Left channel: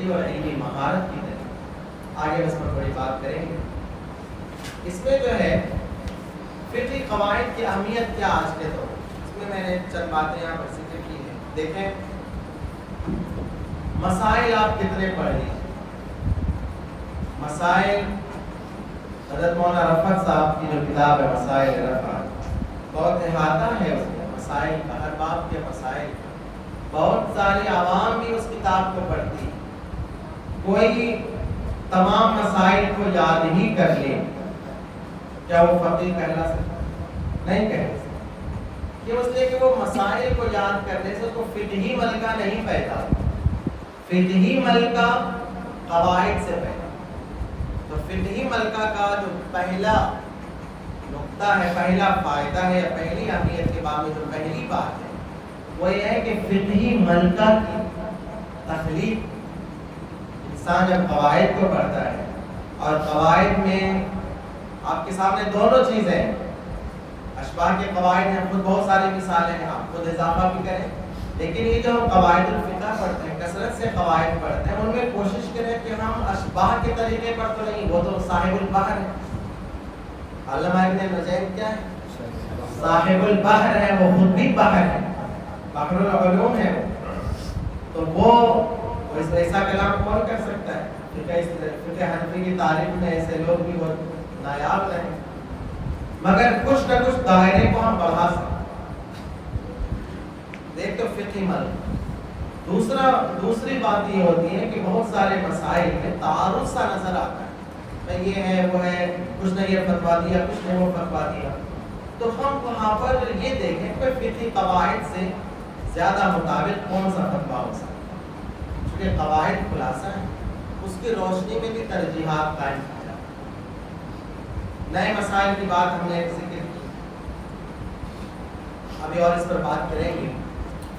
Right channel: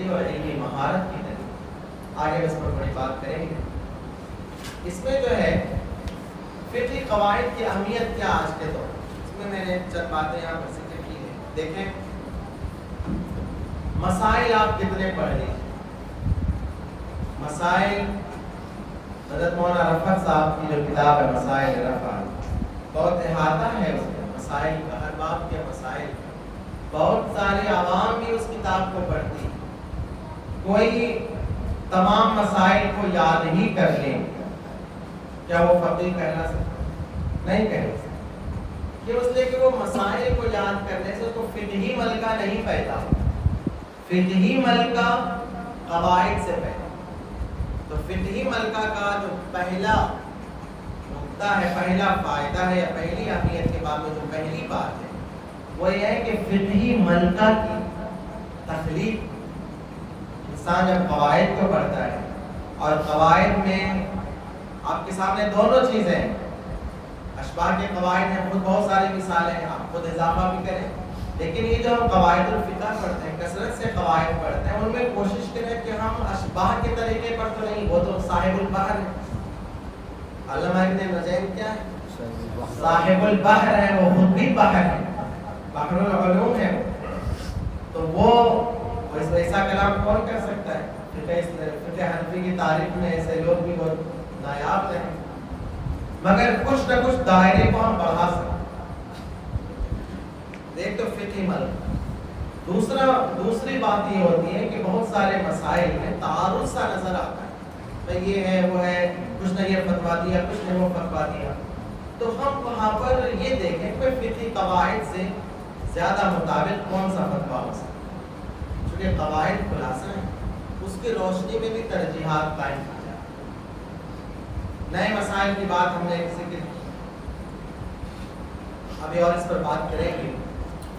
فطری اور علمی مہارت کی طرف آگے اس پر بڑی بات کریں گے۔ اس میں جو ہے فطری قواعد کی اہمیت کیا آج کے دور اس میں نے چند باتیں یہاں پر ذکر کی ہیں۔ دیکھیں مسائل آپ کتنے پڑھ لیجیے، مسائل حضرت مولانا رفعت صاحب کی جو کتاب ہے مسائل رفعت، بہت احاطہ ہے اس میں مسائل کا، ہر باب کے مسائل کا، بہت ساری عوام بھی اس کتاب کو پڑھتی ہے۔ کوئی تمام مسائل کو یاد ہی کر لے، کیا وہ فقیہ کہلا سکتا؟ نہیں کہہ سکتا۔ کیوں؟ اس لیے کہ وہ مسائل کو یاد کرنے سے اس کو فقہی ملکہ نہیں پیدا، فقہی ملکہ قواعد سے پیدا۔ تو فقہی ملکہ کا جو پہلا نقطہ ہے، پہلا فائدہ ہے یا پہلی اہمیت کے باب میں جو پہلی بات ہے وہ یہ ہے کہ فقہی ملکہ کی تخلیق، انسان جب قواعد کو پڑھتا ہے اور قواعد میں آپ کے سامنے دونوں چیزیں ہیں، اشباہ کے قواعد ہیں، خود بہت ساری مثالیں ہیں، آپ خود اضافہ بھی کریں، لیکن یہ جو قواعد الفقہ پڑھتے ہیں، کثرت سے قواعد پڑھتے ہیں، ان میں کوشش کریں کہ ہم اشباہ کے طریقے پر تو نہیں، وہ تو صاحب البحر ہے، علامہ ابن نجیم کیا ہے؟ صاحب البحر ہے، وہ خود بھی بحر ہے، بحر العلوم ہے، تو وہ ایسا کلام کون کر سکتا ہے؟ فقہ حنفی کی تاریخ میں ایسے لوگ بھی بہت نایاب رہے، مگر کچھ نہ کچھ دائرے کو ہم بڑھا سکتے۔ ایک تو فقہی ملک، دوسری بات یہ ہوتی ہے کہ بہت سارے مسائل میں تعارض سا نظر آتا ہے، یہ ہے وہ ہے، کچھ نے یہ فتویٰ دیا، کچھ نے وہ فتویٰ دیا، تو ہم وہاں پر یہ دیکھیں کہ فقہی قواعد سے زیادہ مطابق کون سا فتویٰ ہو سکتا ہے، چونکہ قواعد خلاصہ ہیں، اس کی روشنی میں بھی ترجیحات قائم کی جاتی ہیں۔ نئے مسائل کی بات ہم نے ذکر کی، ابھی اور اس پر بات کریں گے۔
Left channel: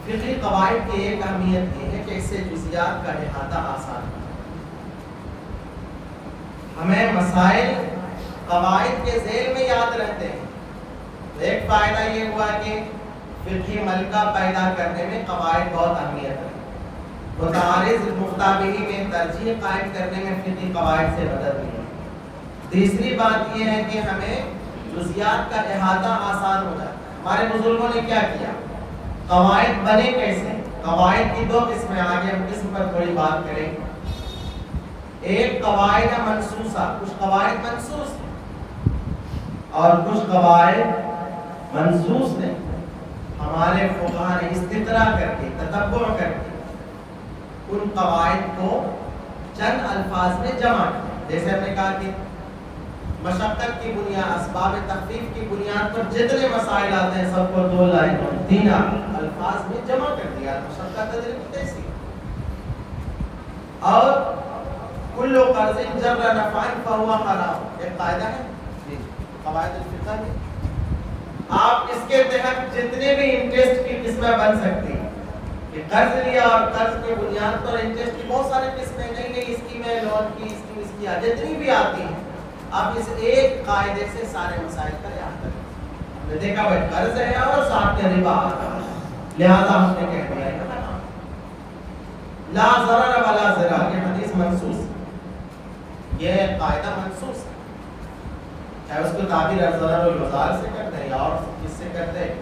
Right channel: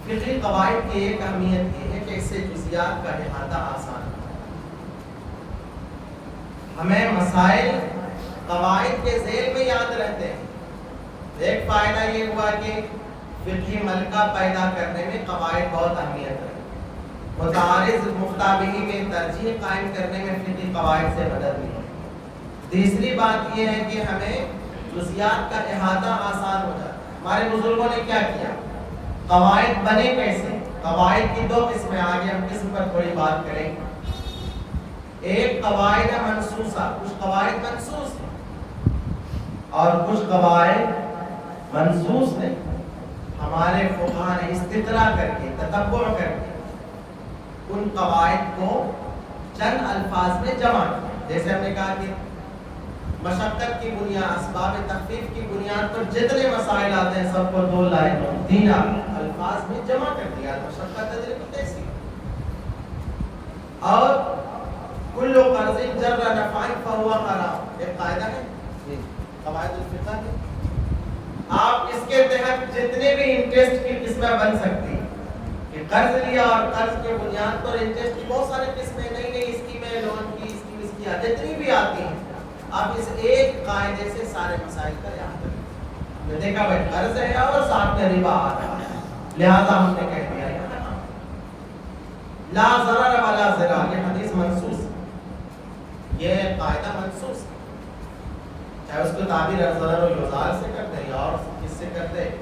فقہی قواعد کی ایک اہمیت یہ ہے کہ اس سے جزیات کا احاطہ آسان ہے، ہمیں مسائل قواعد کے ذیل میں یاد رہتے ہیں۔ ایک فائدہ یہ ہوا کہ فقہی ملکہ پیدا کرنے میں قواعد بہت اہمیت ہے، متعارض مفتابہی میں ترجیح قائم کرنے میں فقہی قواعد سے مدد ملی۔ تیسری بات یہ ہے کہ ہمیں جزیات کا احاطہ آسان ہو جاتا ہے۔ ہمارے بزرگوں نے کیا کیا؟ قواعد بنے کیسے؟ قواعد کی دو قسمیں، آگے ہم قسم پر تھوڑی بات کریں گے۔ ایک قواعد منصوصہ، کچھ قواعد منصوص ہیں اور کچھ قواعد منصوص نہیں، ہمارے فقہاء نے استقراء کر کے، تتبع کر کے ان قواعد کو چند الفاظ میں جمع کیا۔ جیسے ہم نے کہا کہ مشقت کی بنیاد، اسباب تخفیف کی بنیاد پر جتنے مسائل آتے ہیں سب کو 2 لائنوں 3 الفاظ میں جمع کر دیا، مشقت تجربہ کیسی۔ اور کل قرض جر نفع فهو حرام، ایک قاعدہ ہے قواعد الفقہ میں، آپ اس کے تحت جتنے بھی انٹرسٹ کی قسمیں بن سکتی ہیں، کہ قرض لیا اور قرض کے بنیاد پر انٹرسٹ کی بہت سارے قسمیں، نئی نئی اسکیمیں، لون کی اسکیم، اس کی جتنی بھی آتی ہیں، آپ اس ایک قاعدے سے سارے مسائل کا احاطہ کریں۔ ہم نے دیکھا بھائی قرض ہے اور ساتھ میں ربا آ رہا ہے، لہذا ہم نے کہہ دیا ہے لا ضرر ولا ضرار، یہ حدیث منصوص ہے، یہ قاعدہ منصوص ہے، چاہے اس کو تعبیر ضرر و یضار سے کرتے ہیں یا اور کس سے کرتے ہیں،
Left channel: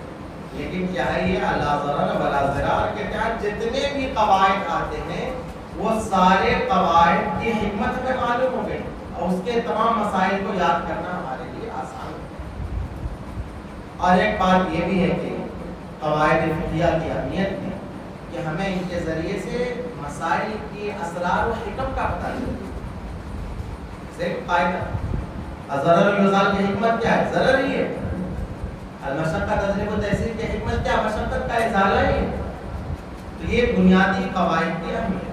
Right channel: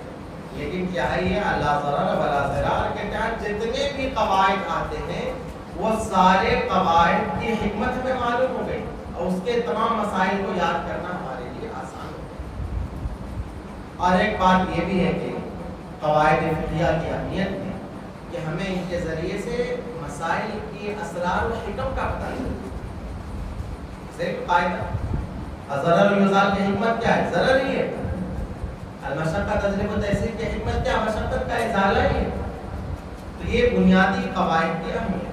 لیکن کیا ہے یہ لا ضرر ولا ضرار کے تحت جتنے بھی قواعد آتے ہیں وہ سارے قواعد کی حکمت ہمیں معلوم ہو گئی اور اس کے تمام مسائل کو یاد کرنا ہمارے لیے آسان ہو گیا۔ اور ایک بات یہ بھی ہے کہ قواعد فقہیہ کی اہمیت ہے کہ ہمیں ان کے ذریعے سے مسائل کی اسرار و حکم کا پتہ چلتا ہے۔ ایک قاعدہ ضرر و یضار کی حکمت کیا ہے؟ ضرر ہی ہے، المشقت تجلب التیسیر کی حکمت کیا؟ مشقت کا ازالہ ہی ہے۔ تو یہ بنیادی قواعد کی اہمیت۔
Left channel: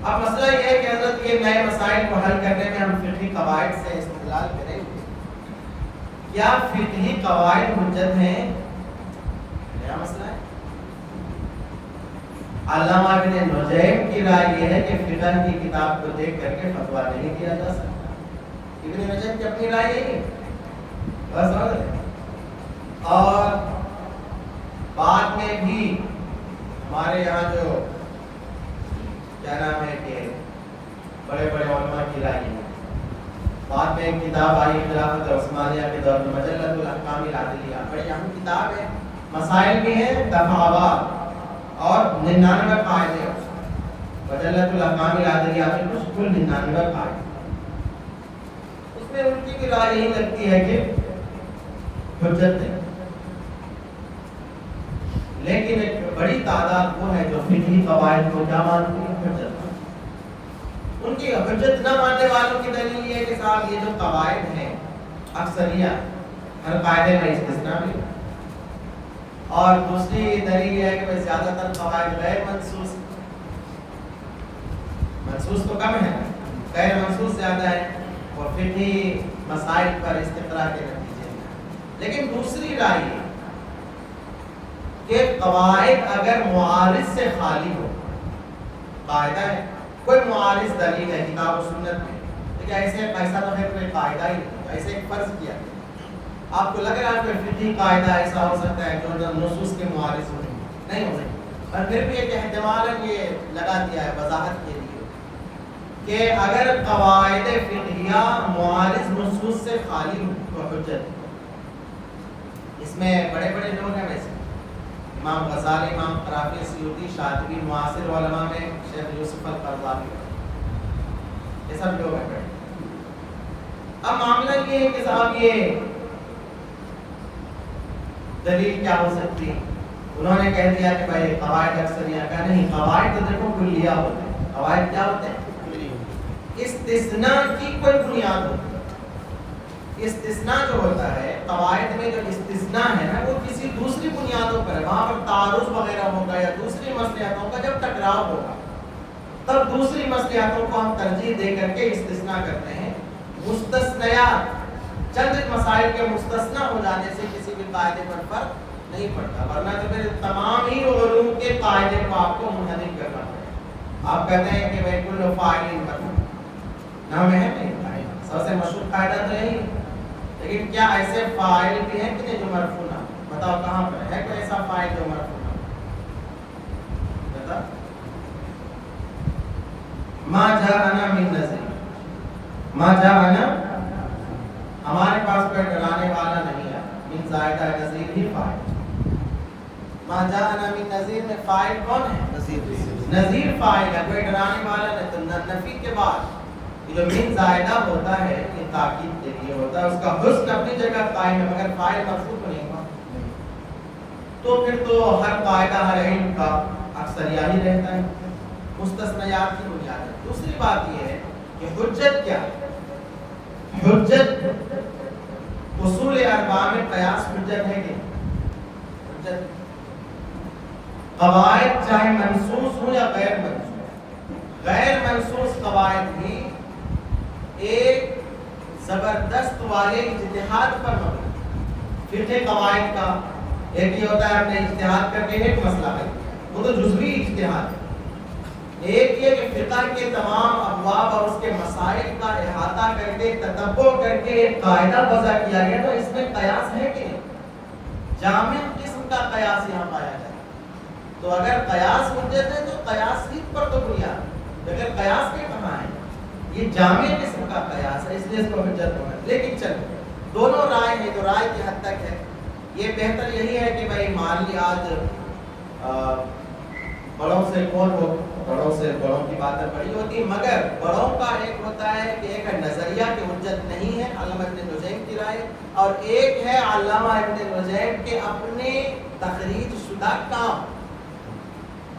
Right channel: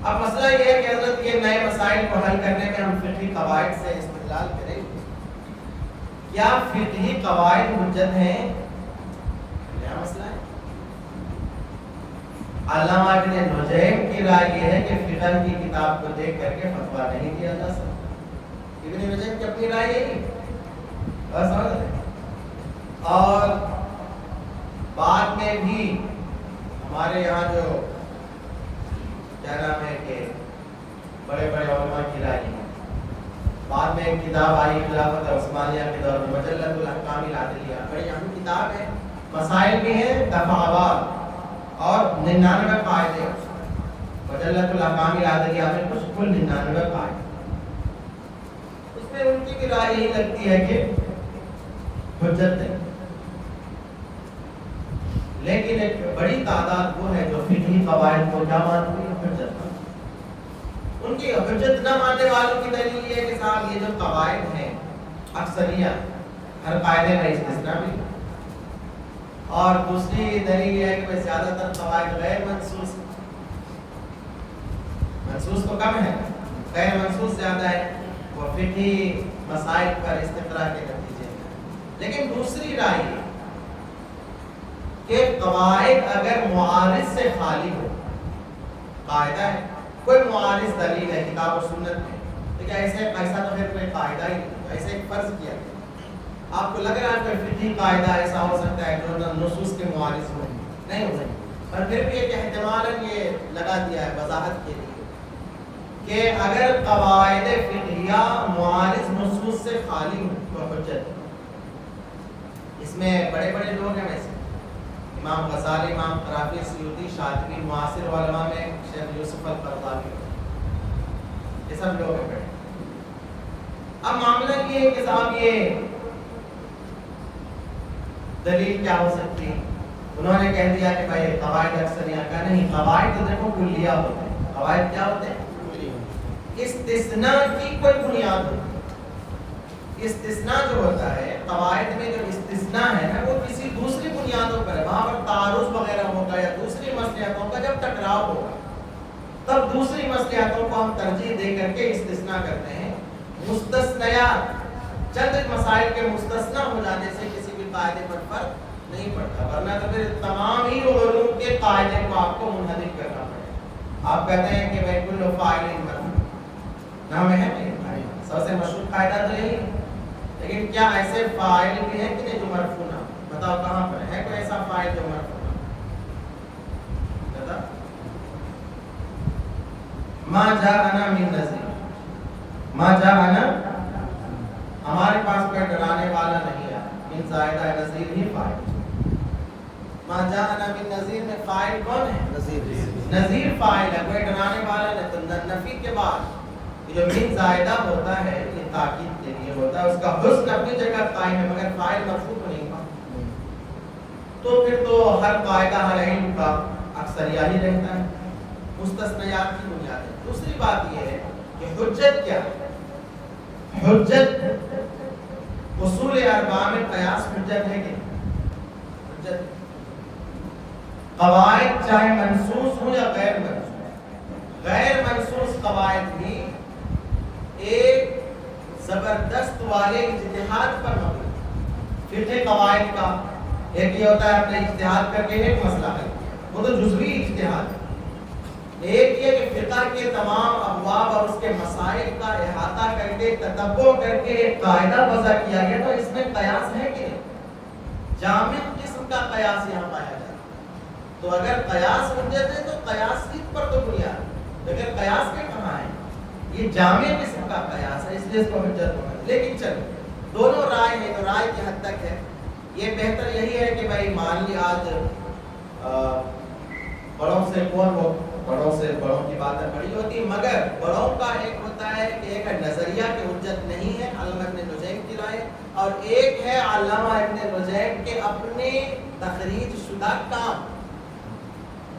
اب مسئلہ یہ ہے کہ حضرت یہ نئے مسائل کو حل کرنے میں ہم فقہی قواعد سے استدلال کریں گے، کیا فقہی قواعد حجت ہیں؟ نیا مسئلہ ہے۔ علامہ ابن نجیم کی رائے یہ ہے کہ فقہ کی کتاب کو دیکھ کر کے فتویٰ نہیں دیا جا سکتا۔ ابن نجیم کی اپنی رائے یہی ہے، بس سمجھ لیں۔ اور بعد میں بھی ہمارے یہاں جو کیا نام ہے کہ بڑے بڑے علماء کی رائے ہے. بعد میں ایک کتاب آئی خلافت عثمانیہ کے دور میں مجلۃ الاحکام العدلیہ، بڑی اہم کتاب ہے، مسائل بھی ہیں دفعات اور 99 قاعدے. مجلۃ الاحکام العدلیہ میں کل 99 قاعدے. اس میں ان کی بھی رائے یہی لگتی ہے کہ حجت نہیں، لیکن ایک بڑی تعداد وہ ہے جو فقہی قواعد کو کیا مانتی ہے؟ حجت. ان کی حجت نہ ماننے والوں کی دلیل یہ ہے کہ صاحب یہ جو قواعد ہیں اکثریت ہر قاعدے میں استثناء بھی، اور دوسری دلیل یہ ہے کہ زیادہ تر قواعد غیر منصوص، منصوص تو کم ہے، غیر منصوص زیادہ ہے اور فقہی مسائل پر استقراء کے نتیجے میں. لیکن دوسری رائے یہ کہ قواعد اگر معارض سے خالی ہو، قاعدہ ہے کوئی معارض دلیل ہے کتاب و سنت میں، لیکن ایسا تو پھر کوئی قاعدہ ہی نہیں، ایسے ایک فرض کیا گیا. آپ کو لگ رہا ہے کوئی فقہی قاعدہ ایسا ہو سکتا ہے جو نصوص کے معارض ہو؟ نہیں ہو سکتا. پر پھر بھی ایک احتمال یہ لگا دیا ہے وضاحت کے لیے کہ اگر قواعد فقہیہ معارض نصوص سے خالی ہو تو حجت. اس میں بڑے بڑے لوگ ہیں ویسے، امام غزالی، امام قرافی، سیوطی، شاطبی، معاصر علماء میں شیخ یوسف القرضاوی، یہ سب لوگ ہیں. اب معاملہ یہ ہے کہ صاحب یہ دلیل کیا ہو سکتی ہے؟ انہوں نے کہہ دیا کہ بھائی قواعد اکثریت کا نہیں، قواعد تو دیکھو کلیہ ہوتے ہیں. قواعد کیا ہوتے ہیں؟ استثناء کی کوئی بنیاد ہوتی ہے. استثناء جو ہوتا ہے قواعد میں، جو استثناء ہے نا وہ کسی دوسری بنیادوں پر ہے، وہاں پر تعارض وغیرہ ہوگا یا دوسری مصلحتوں کا جب ٹکراؤ ہوگا تب دوسری مصلحتوں کو ہم ترجیح دے کر کے استثناء کرتے ہیں. مستثنیات چند مسائل کے مستثنی ہو جانے سے کسی بھی قاعدے پر فرق نہیں پڑتا، ورنہ تو پھر تمام ہی علوم کے قاعدے کو آپ کو منحرف کرنا پڑے گا. آپ کہتے ہیں کہ بھائی کل فاعل مرفوع، نام ہے نہیں، سب سے مشہور قاعدہ تو یہی، لیکن کیا ایسے فاعل بھی ہیں کہ نہیں جو مرفوع نہ؟ بتاؤ کہاں پر ہے کوئی ایسا فاعل جو مرفوع نہ؟ بتا. ما جاءنا من نذیر، ما جاءنا ہمارے پاس کوئی ڈرانے والا نہیں ہے، من زائدہ نذیر ہی فاعل. ما جاءنا من نذیر میں فاعل کون ہے؟ نذیر فاعل ہے، کوئی ڈرانے والا نہیں. تو نفی کے بعد جو من زائدہ ہوتا ہے یہ تاکید کے لیے ہوتا ہے، اس کا حسن اپنی جگہ قائم ہے مگر فاعل مرفوع نہیں ہوا. تو پھر تو ہر قاعدہ ہر علم کا اکثر یہی رہتا ہے، مستثنیات کی بنیاد ہے. دوسری بات یہ ہے کہ حجت کیا ہے؟ حجت اصول اربعہ میں قیاس حجت ہے کہ حجت. قواعد چاہے منصوص ہو یا غیر منصوص، غیر منصوص قواعد بھی ایک زبردست والے اجتہاد پر مبنی. فقہ قواعد کا ایک یہ ہوتا ہے اپنے اجتہاد کر کے ایک مسئلہ حل کیا، وہ تو جزوی اجتہاد ہے. ایک یہ کہ فقہ کے تمام ابواب اور اس کے مسائل کا احاطہ کر کے تتبع کر کے ایک قاعدہ وضع کیا گیا، تو اس میں قیاس ہے کہ نہیں؟ جامع قسم کا قیاس یہاں پایا جائے. تو اگر قیاس حجت ہے تو قیاس ہی پر تو بنیاد، لیکن قیاس کے کہاں ہے؟ یہ جامع قسم کا قیاس ہے، اس لیے اس کو حجت ہونا. لیکن چلو دونوں رائے ہیں تو رائے کی حد تک ہے. یہ بہتر یہی ہے کہ بھائی مان لی آج بڑوں سے کون ہو، بڑوں سے بڑوں کی باتیں بڑی ہوتی، مگر بڑوں کا ایک ہوتا ہے کہ ایک نظریہ کی حجت نہیں ہے علامہ ابن نجیم کی رائے، اور ایک ہے علامہ ابن نجیم کے اپنے تخریج شدہ کام.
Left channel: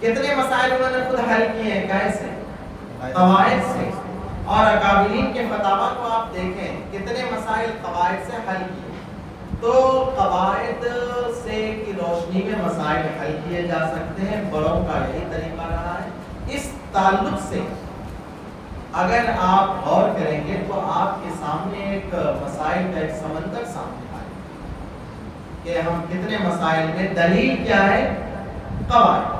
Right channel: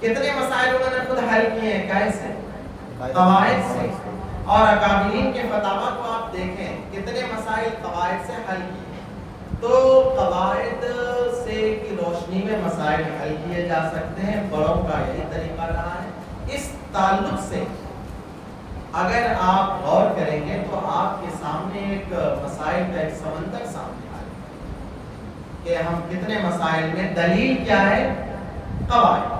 کتنے مسائل انہوں نے خود حل کیے ہیں، کیسے؟ قواعد سے. اور اکابرین کے فتاویٰ کو آپ دیکھیں کتنے مسائل قواعد سے حل کیے. تو قواعد سے کی روشنی میں مسائل حل کیے جا سکتے ہیں، بڑوں کا یہی طریقہ رہا ہے. اس تعلق سے اگر آپ غور کریں گے تو آپ کے سامنے ایک مسائل کا ایک سمندر سامنے آئے کہ ہم کتنے مسائل میں دلیل کیا ہے؟ قواعد.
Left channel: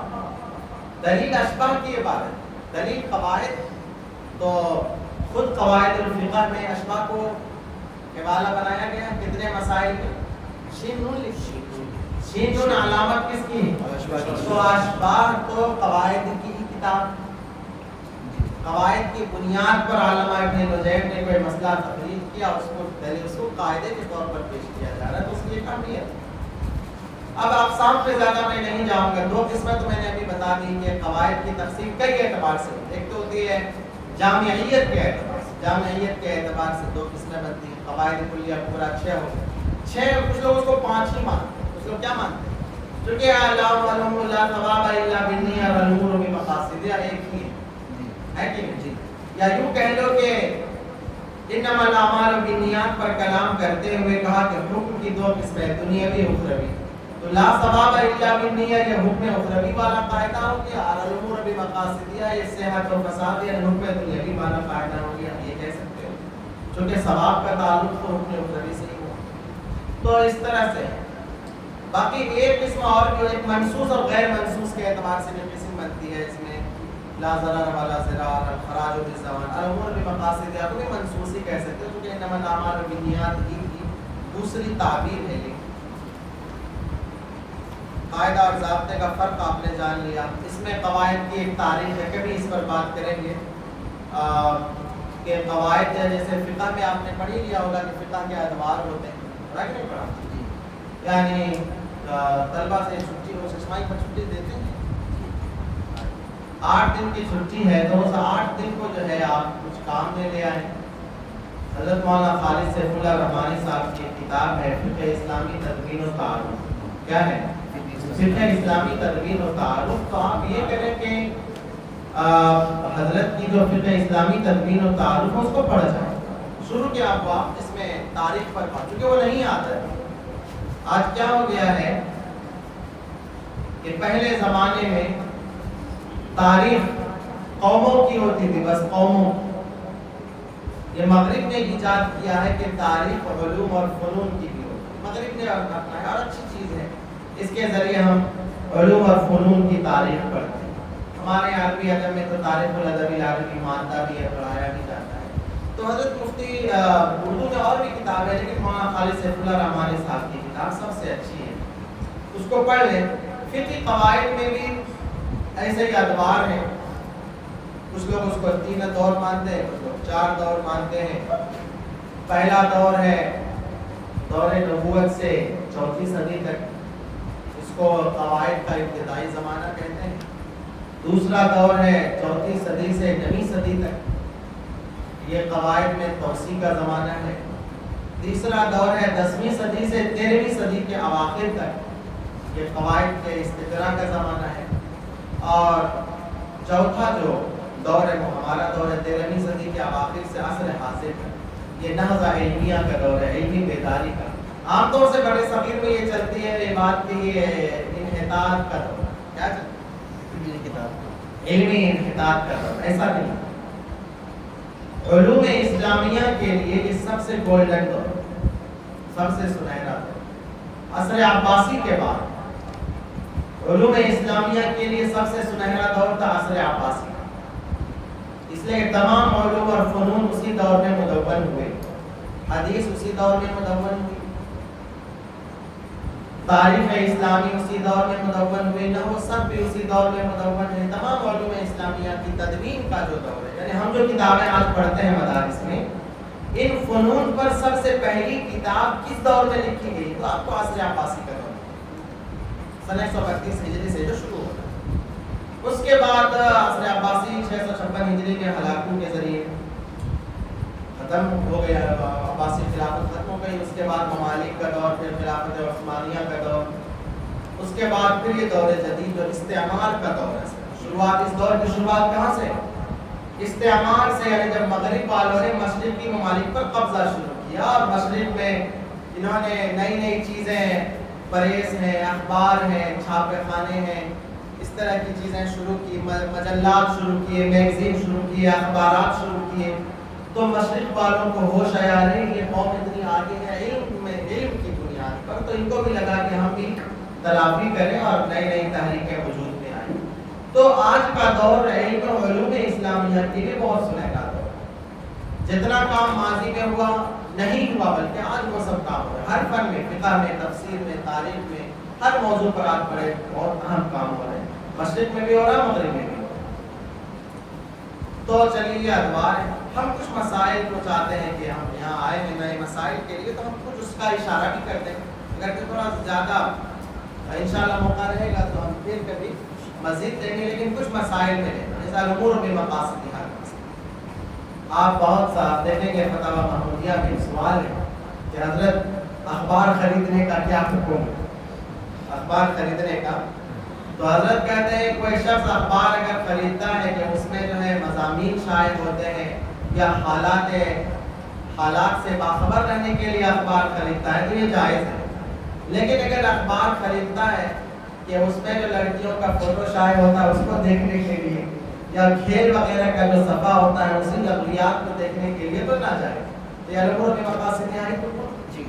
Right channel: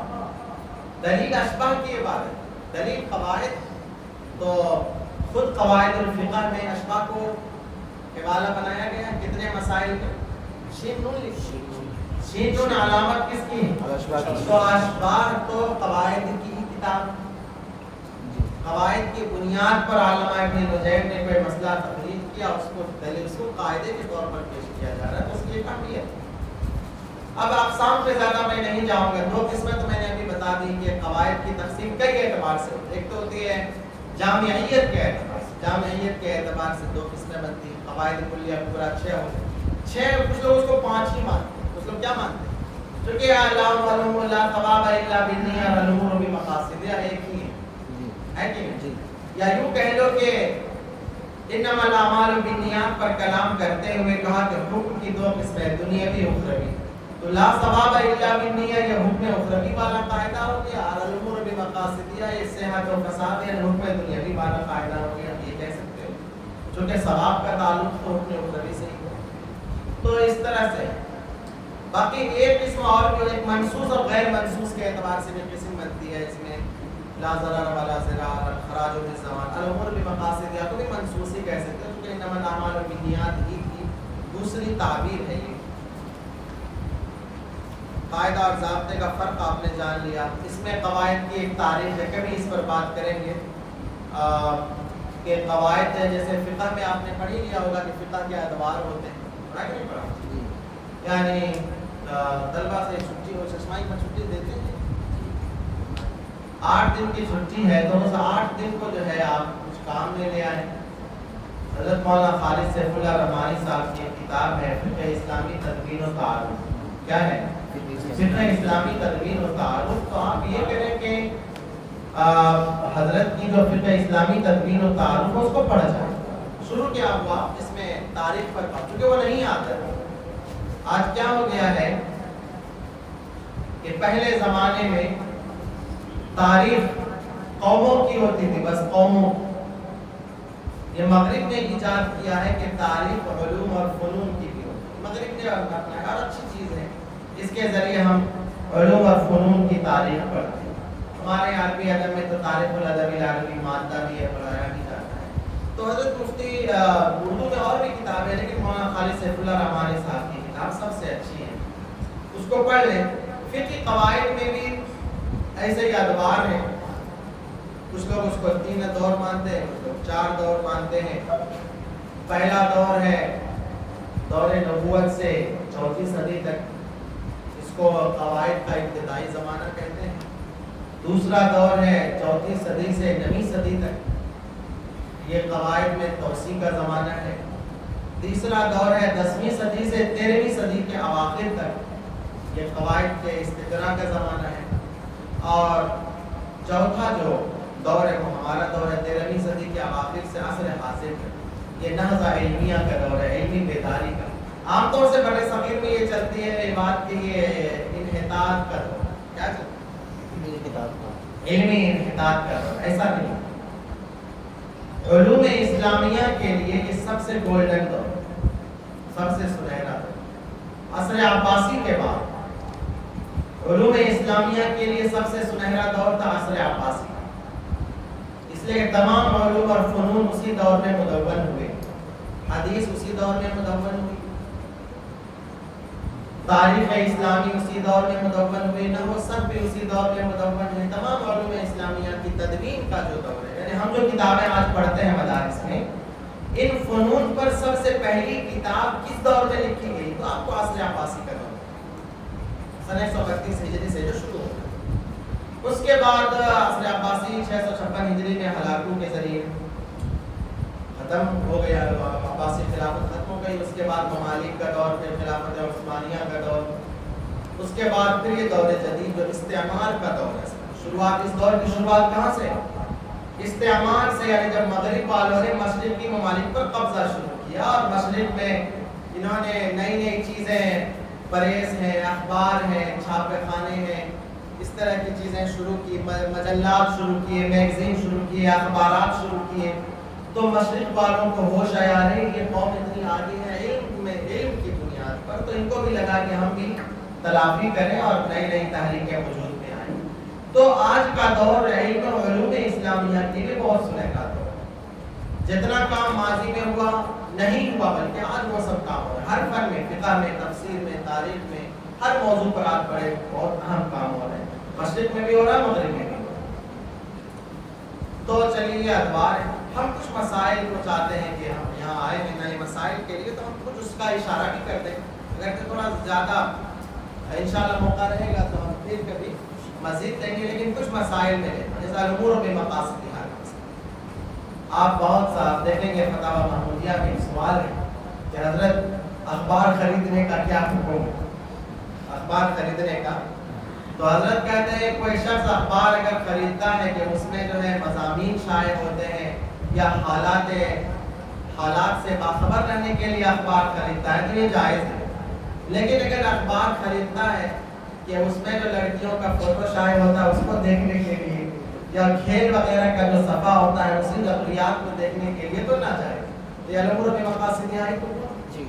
دلیل اشباہ کی عبادت، دلیل قواعد. تو خود قواعد الفقہ میں اشباہ کو حوالہ بنایا گیا. کتنے مسائل میں؟ شین نون لکھی، شین نون علامت کس کی ہے؟ تو اشباہ تو قواعد کی کتاب. بنیاد پر علامہ ابن نجیم نے کوئی مسئلہ تخریج کیا، اس کو دلیل اس کو قاعدے کے طور پر پیش کیا جا رہا ہے، تو اس کی ایک اہمیت۔ اب اقسام پہ زیادہ میں نہیں جاؤں گا، دو قسمیں تو میں نے ابھی بتا دی کہ قواعد کی تقسیم کئی اعتبار سے ہوتی ہے۔ ایک تو ہوتی ہے جامعیت کے اعتبار سے، جامعیت کے اعتبار سے دو قسمیں بنتی ہیں، قواعد کلیہ پورا 6 ہو گئے، 6 کچھ لوگ اس کو 5 ہی مانتے ہیں، کچھ لوگ کیا مانتے ہیں؟ کیونکہ لا معلوم لا ثواب الا بالنیہ والامور بمقاصد، ایک ہی ہے کہ نہیں؟ یا یوں کہہ لو کہ انما الاعمال بالنیات پر کلام کرتے ہوئے کہا کہ حکم کی دو قسمیں، دنیاوی و اخروی، تو لا ثواب الا بالنیہ یہ حکم اخروی والا قاعدہ ہو گیا، اور الامور بمقاصدیہ یہ صحت و فساد یہ حکم دنیاوی والا قاعدہ ہو گیا، یہ کہہ سکتے ہو، چونکہ ثواب کا تعلق تو حکم اخروی سے ہی ہو۔ تو اس طرح سے باقی ایک قسم اور جو ایک منصوص اور غیر منصوص کے اعتبار سے بھی قسم بنتی ہے، اس میں لا ضرر ولا ضرار، خراج بالزمان، الامور بمقاصد، یا تو بھی منصوص ہی کہہ سکتے ہو، کیونکہ انما الاعمال بالنیات کی دوسری تعبیر ہے یہ۔ قاعدہ اور ضابطے کا فرق آپ نے جان لیا۔ اس میں قواعد کی ایک تاریخ ہے، کبھی اس پر بات کریں گے کہ قواعد جیسے فقہ میں آپ نے پڑھ ہی لیا ہوگا کہ فقہ کے ادوار ہوتے ہیں، پڑھا کہ نہیں پڑھا؟ یعنی طلبہ سے چھٹی ہو، ششمائی پر چھٹی دیتے ہیں، 8 دن کی چھٹی ہے تو اس 8 دن کو جو ہے آپ کچھ کام میں لے آئیں۔ حضرت مولانا خالد سیف اللہ رحمانی صاحب کی کتاب ہے فقہ اسلامی تدوین و تعارف، کیا ہے؟ فقہ اسلامی تدوین و تعارف۔ تو آپ یہ کریں کہ حضرت کی جو فقہ اسلامی تدوین و تعارف ہے اس کو پڑھا جائے، شروع کیا ہوا اس میں تاریخ پر بات، کیونکہ وہ نہیں آتا ہے۔ آج کیا ہو گیا ہے کہ پہلے زمانے میں تاریخ قوموں کی ہوتی تھی، بس قوموں، یہ مغرب نے ایجاد کیا ہے کہ تاریخ علوم اور فنون کی بھی ہوتی ہے، مغرب نے اپنا ہے اور اچھی چیز ہے، اس کے ذریعے ہم علوم اور فنون کی تاریخ پڑھتے ہیں۔ ہمارے عربی ادب میں تو تاریخ الادب العربی مادہ بھی ہے، پڑھایا بھی جاتا ہے۔ تو حضرت مفتی اردو میں اور بھی کتابیں، لیکن مولانا خالد سیف اللہ رحمانی صاحب کی کتاب سب سے اچھی ہے، اس کو پڑھ لیں۔ فقہ قواعد میں بھی ایسے ہی ادوار ہیں، کچھ لوگ اس کو 3 دور مانتے ہیں، کچھ لوگ 4 دور مانتے ہیں۔ پہلا دور ہے دور نبوت سے 4 صدی تک، اس کو قواعد کا ابتدائی زمانہ کہتے ہیں۔ دوسرا دور ہے 4 صدی سے 9 صدی تک، یہ قواعد میں توسیع کا زمانہ ہے۔ تیسرا دور ہے 10ویں صدی سے 13ویں صدی کے اواخر تک، یہ قواعد کے استقراء کا زمانہ ہے۔ اور چوتھا جو دور ہے وہ ہمارا دور ہے 13ویں صدی کے اواخر سے عصر حاضر تک، یہ نہضہ علمیہ کا دور ہے، علمی بیداری کا۔ عام طور سے بڑے صغیر میں یہ چلتی ہے یہ بات کہ یہ انحطاط کا دور، کیا چلتا ہے؟ علمی انحطاط کا دور، ایسا نہیں۔ علوم اسلامیہ کے لیے یہ سب سے گولڈن دور، سب سے سنہرا دور، عصر عباسی کے بعد علوم اسلامیہ کے لیے سب سے سنہرا دور تھا عصر عباسی، اس لیے تمام علوم اور فنون اسی دور میں مدون ہوئے، حدیث اسی دور میں مدون ہوئی، تاریخ اسلامی اسی دور میں مدون ہوئی، نحو سب بھی اسی دور میں مدون ہے۔ تمام علوم اسلامیہ کی تدوین کا جو دور ہے، یعنی ہم جو کتابیں آج پڑھتے ہیں مدارس میں، ان فنون پر سب سے پہلی کتاب کس دور میں لکھی گئی؟ تو آپ کو عصر عباسی کا دور، سن 132 ہجری سے جو شروع ہوتا ہے۔ اس کے بعد عصر عباسی 656 ہجری میں ہلاکو کے ذریعے ختم ہو گیا، عباسی خلافت ختم ہو گئی۔ اس کے بعد ممالک کا دور، پھر خلافت عثمانیہ کا دور، اس کے بعد پھر یہ دور جدید جو استعمار کا دور ہے۔ شروعات اس دور کی شروعات کہاں سے؟ استعمار سے، یعنی جب مغرب والوں نے مشرق کی ممالک پر قبضہ شروع کیا اور مشرق میں انہوں نے نئی نئی چیزیں، پریس ہیں، اخبار ہیں، چھاپے خانے ہیں، اس طرح کی چیزیں شروع کی، مجلات شروع کیے، میگزین شروع کیے، اخبارات شروع کیے، تو مشرق والوں کو ہوش آیا رہے یہ قوم اتنی آگے ہے علم میں، علم کی بنیاد پر، تو ان کو بھی لگا کہ ہم بھی تلافی کریں اور نئی نئی تحریکیں وجود میں آئیں۔ تو آج کا دور علم و علوم اسلامیہ کے لیے بہت سنہرا دور ہے۔ جتنا کام ماضی میں ہوا نہیں ہوا، بلکہ آج وہ سب کام ہو رہا ہے، ہر فن میں، فقہ میں، تفسیر میں، تاریخ میں، ہر موضوع پر آج بڑے بہت اہم کام ہو رہے ہیں، مشرق میں بھی ہو رہا ہے، مغرب میں بھی ہو رہا ہے۔ تو چلیے یہ ادوار ہے. ہم کچھ مسائل کو چاہتے ہیں کہ ہم یہاں آئے ہیں نئے مسائل کے لیے، تو ہم کچھ اس کا اشارہ بھی کر دیں. اگر کہ تھوڑا زیادہ انشاءاللہ موقع رہے گا تو ہم پھر کبھی مزید دیں گے، لیکن کچھ مسائل میں ہیں جیسے الامور بمقاصدها. آپ بہت سا دیکھیں گے فتاوی محمودیہ میں سوال ہے کہ حضرت اخبار خریدنے کا کیا حکم ہے؟ اخبار خریدنے کا تو حضرت کہتے ہیں کوئی شخص اخبار اگر خریدتا ہے کہ اس میں جو ہے مضامین شائع ہوتے ہیں یا حالات سے باخبر رہنے کے لیے اخبار خریدتا ہے تو یہ جائز ہے. لیکن اگر اخبار خریدتا ہے کہ اس میں جو لڑکیوں کا فوٹو شائع ہوتا ہے اس کو دیکھنے کے لیے یا کھیل وغیرہ کا جو صفحہ ہوتا ہے اسی نظریات کو دیکھنے کے لیے تو نہ جائے. تو یہ الامور بمقاصدها ہے تو جی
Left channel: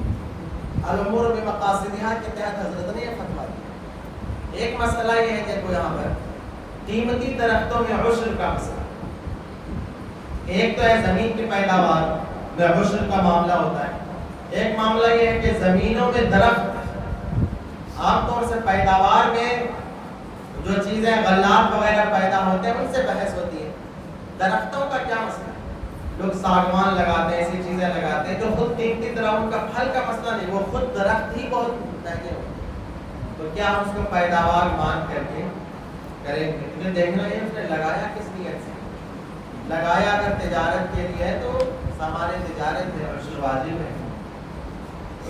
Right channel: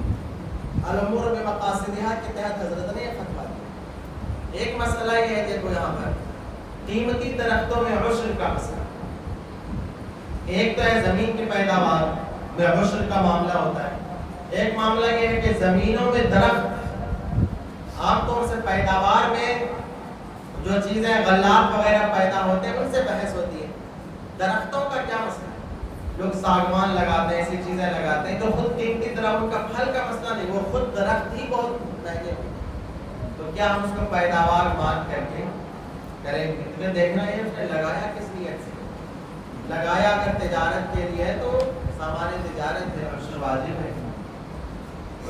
الامور بمقاصدها کے تحت حضرت نے یہ فتویٰ دیا. ایک مسئلہ یہ ہے کہ یہاں پر قیمتی درختوں میں عشر کا مسئلہ. ایک تو ہے زمین کی پیداوار میں عشر کا معاملہ ہوتا ہے. ایک معاملہ یہ ہے کہ زمینوں میں درخت عام طور سے پیداوار میں جو چیزیں غلات وغیرہ پیدا ہوتے ہیں ان سے بحث ہوتی ہے. درختوں کا کیا مسئلہ ہے؟ لوگ ساگوان لگاتے ہیں، ایسی چیزیں لگاتے ہیں جو خود قیمتی طرح ان کا پھل کا مسئلہ نہیں، وہ خود درخت ہی بہت مہنگے ہوتے ہیں. تو کیا ہم اس کو پیداوار مان کر کے کریں گے؟ تمہیں دیکھنا ہے اس نے لگایا کس نیت سے لگایا. اگر تجارت کے لیے تو سامان تجارت ہے عشر واجب ہے.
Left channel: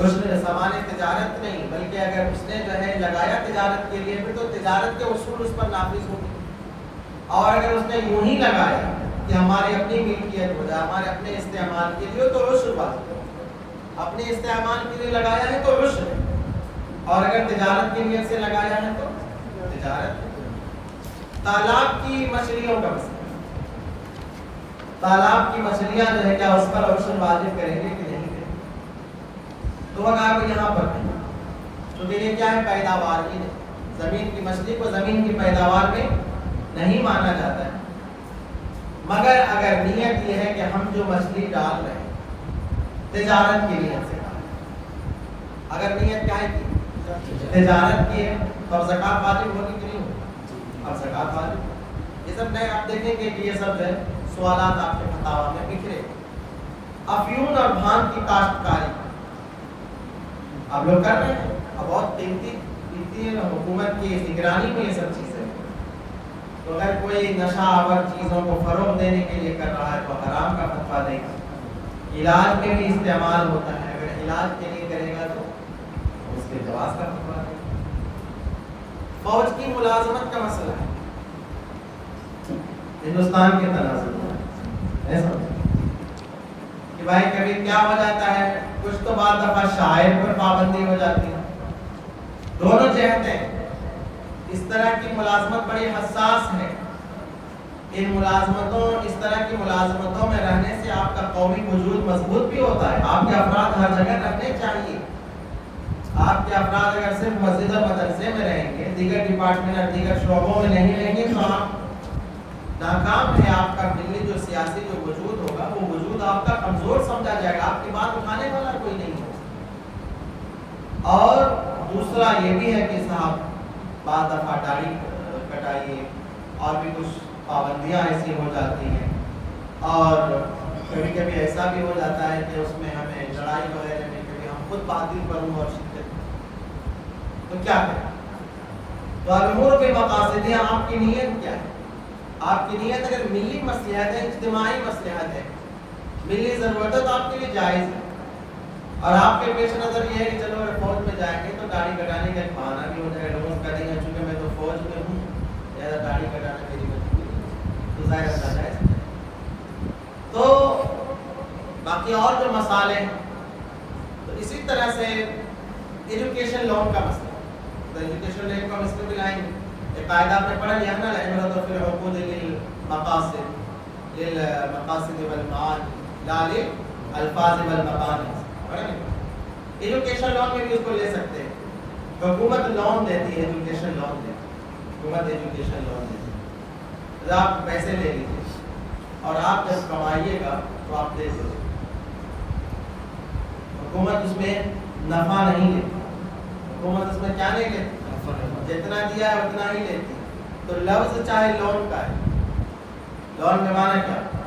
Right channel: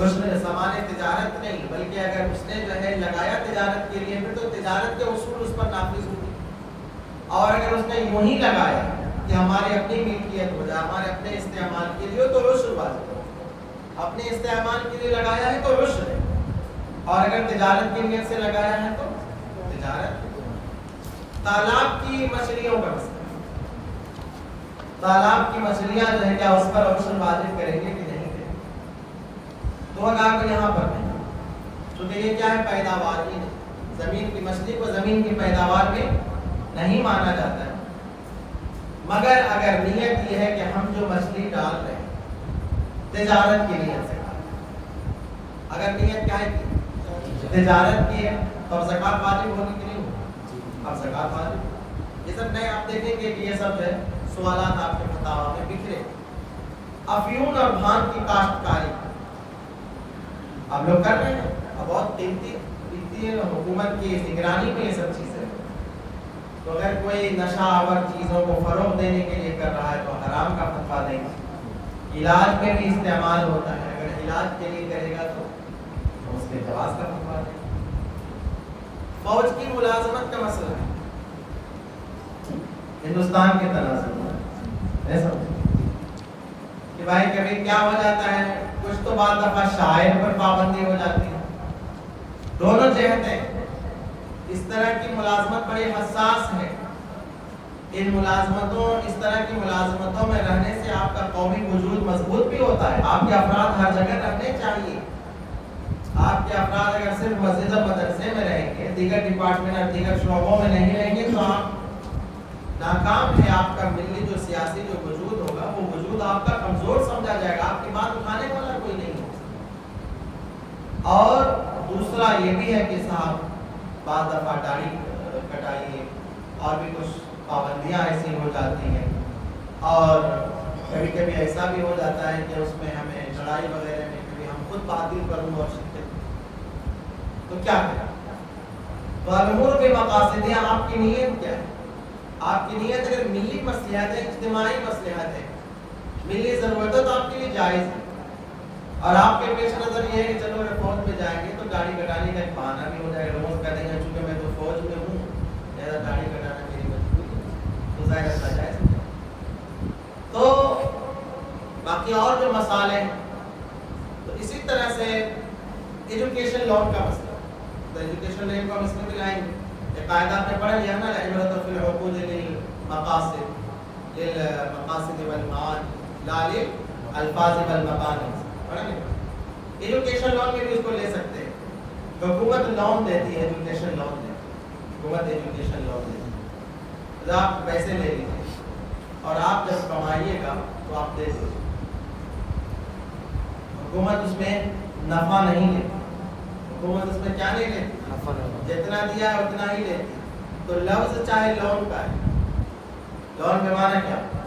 عشر سامان تجارت نہیں بلکہ اگر اس نے جو ہے لگایا تجارت کے لیے پھر تو تجارت کے اصول اس پر نافذ ہوگی. اور اگر اس نے یوں ہی لگایا کہ ہماری اپنی ملکیت ہو جائے، ہمارے اپنے استعمال کے لیے تو عشر واجب ہے. اپنے استعمال کے لیے لگایا ہے تو عشر ہے، اور اگر تجارت کی نیت سے لگایا ہے تو تجارت. تالاب کی مچھلیوں کا مسئلہ، تالاب کی مچھلیاں جو ہے کیا اس پر عشر واجب کریں گے کہ نہیں کریں گے؟ تو اگر یہاں پر نہیں، کیونکہ یہ کیا ہے پیداوار ہی نہیں. زمین کی مچھلی کو زمین کی پیداوار میں نہیں مانا جاتا ہے. مگر اگر نیت یہ ہے کہ ہم جو مچھلی ڈال رہے ہیں تجارت کی نیت سے ڈال رہے ہیں، اگر نیت کیا ہے کہ تجارت کی ہے تو اب زکوٰۃ واجب ہوگی کہ نہیں ہوگی؟ اب زکوٰۃ واجب. یہ سب نئے آپ دیکھیں گے کہ یہ سب جو ہے سوالات آپ کے فتاوی میں بکھرے. افیون اور بھانگ کی کاشتکاری آپ لوگ کر رہے ہیں، اب بہت قیمتی حکومت کی نگرانی میں یہ سب چیزیں. تو اگر کوئی نشہ آور چیزوں کو فروغ دینے کے لیے کر رہا ہے تو حرام کا فتویٰ دے گا. علاج میں بھی استعمال ہوتا ہے، اگر علاج کے لیے کرے گا تو اس کے جواز کا فتویٰ دے گا. فوج کی ملازمت کا مسئلہ ہے ہندوستان کے تناظر میں کہ بھائی کبھی کیا ہو جاتا ہے، کچھ تو بعد دفعہ شاعر پر پابندی ہو جاتی ہے. دونوں جہتیں اس طرح کی ملازمت بڑی حساس ہے. ان ملازمتوں اس طرح کی ملازمتوں میں رہنے سے آپ کا قومی وجود مضبوط بھی ہوتا ہے. آپ کے افراد ہر جگہ رہنے چاہیے. آپ کے افراد اگر صرف مسجد و مدرسے میں رہیں گے، دیگر ڈپارٹمنٹ اور دیگر شعبوں میں نہیں رہیں گے تو آپ ناکام ہے. آپ کا ملی جو سیاسی جو وجود ہوگا وہ وجود آپ کا کمزور سمجھا جائے گا، آپ کی بات اٹھانے والا کوئی نہیں ہے. اور دوسرا یہ بھی ہے کہ صاحب بعض دفعہ داڑھی کٹائیے، اور بھی کچھ پابندیاں ایسی ہو جاتی ہیں. اور کبھی کبھی ایسا بھی ہو جاتا ہے کہ اس میں ہمیں لڑائی وغیرہ میں کبھی ہم خود باطل پر ہوں اور شرکت، تو کیا کریں؟ تو الامور بمقاصدها آپ کی نیت کیا ہے؟ آپ کی نیت اگر ملی مصلحت ہے، اجتماعی مصلحت ہے، ملی ضرورت ہے تو آپ کے لیے جائز ہے. اور آپ کے پیش نظر یہ ہے کہ چلو اگر فوج میں جائیں گے تو داڑھی کٹانے کا ایک بہانہ بھی ہو جائے گا. لوگ کہتے ہیں چونکہ میں تو فوج میں ہوں لہٰذا داڑھی کٹانا میری مجبوری ہے، تو ظاہر ہے جائز ہے. تو باقی اور جو مسائل ہیں تو اسی طرح سے ایجوکیشن لون کا مسئلہ، تو ایجوکیشن لون کا مسئلہ بھی لائیں گے. ایک قاعدہ آپ نے پڑھا لیا نا، العبرۃ فی العقود للمقاصد والمعاد لا للالفاظ والمقاصد. ایجوکیشن لون میں بھی اس کو لے سکتے ہیں. حکومت لون دیتی ہے، ایجوکیشن لون دیتی ہے، حکومت ایجوکیشن لون دیتی ہے. تو آپ پیسے لے لیجیے اور آپ جب کمائیے گا تو آپ دے دیجیے. حکومت اس میں نفع نہیں لیتی. حکومت اس میں کیا نہیں لیتی؟ جتنا دیا ہے اتنا ہی لیتی. تو لفظ چاہے لون کا ہے لون کے معنی کیا؟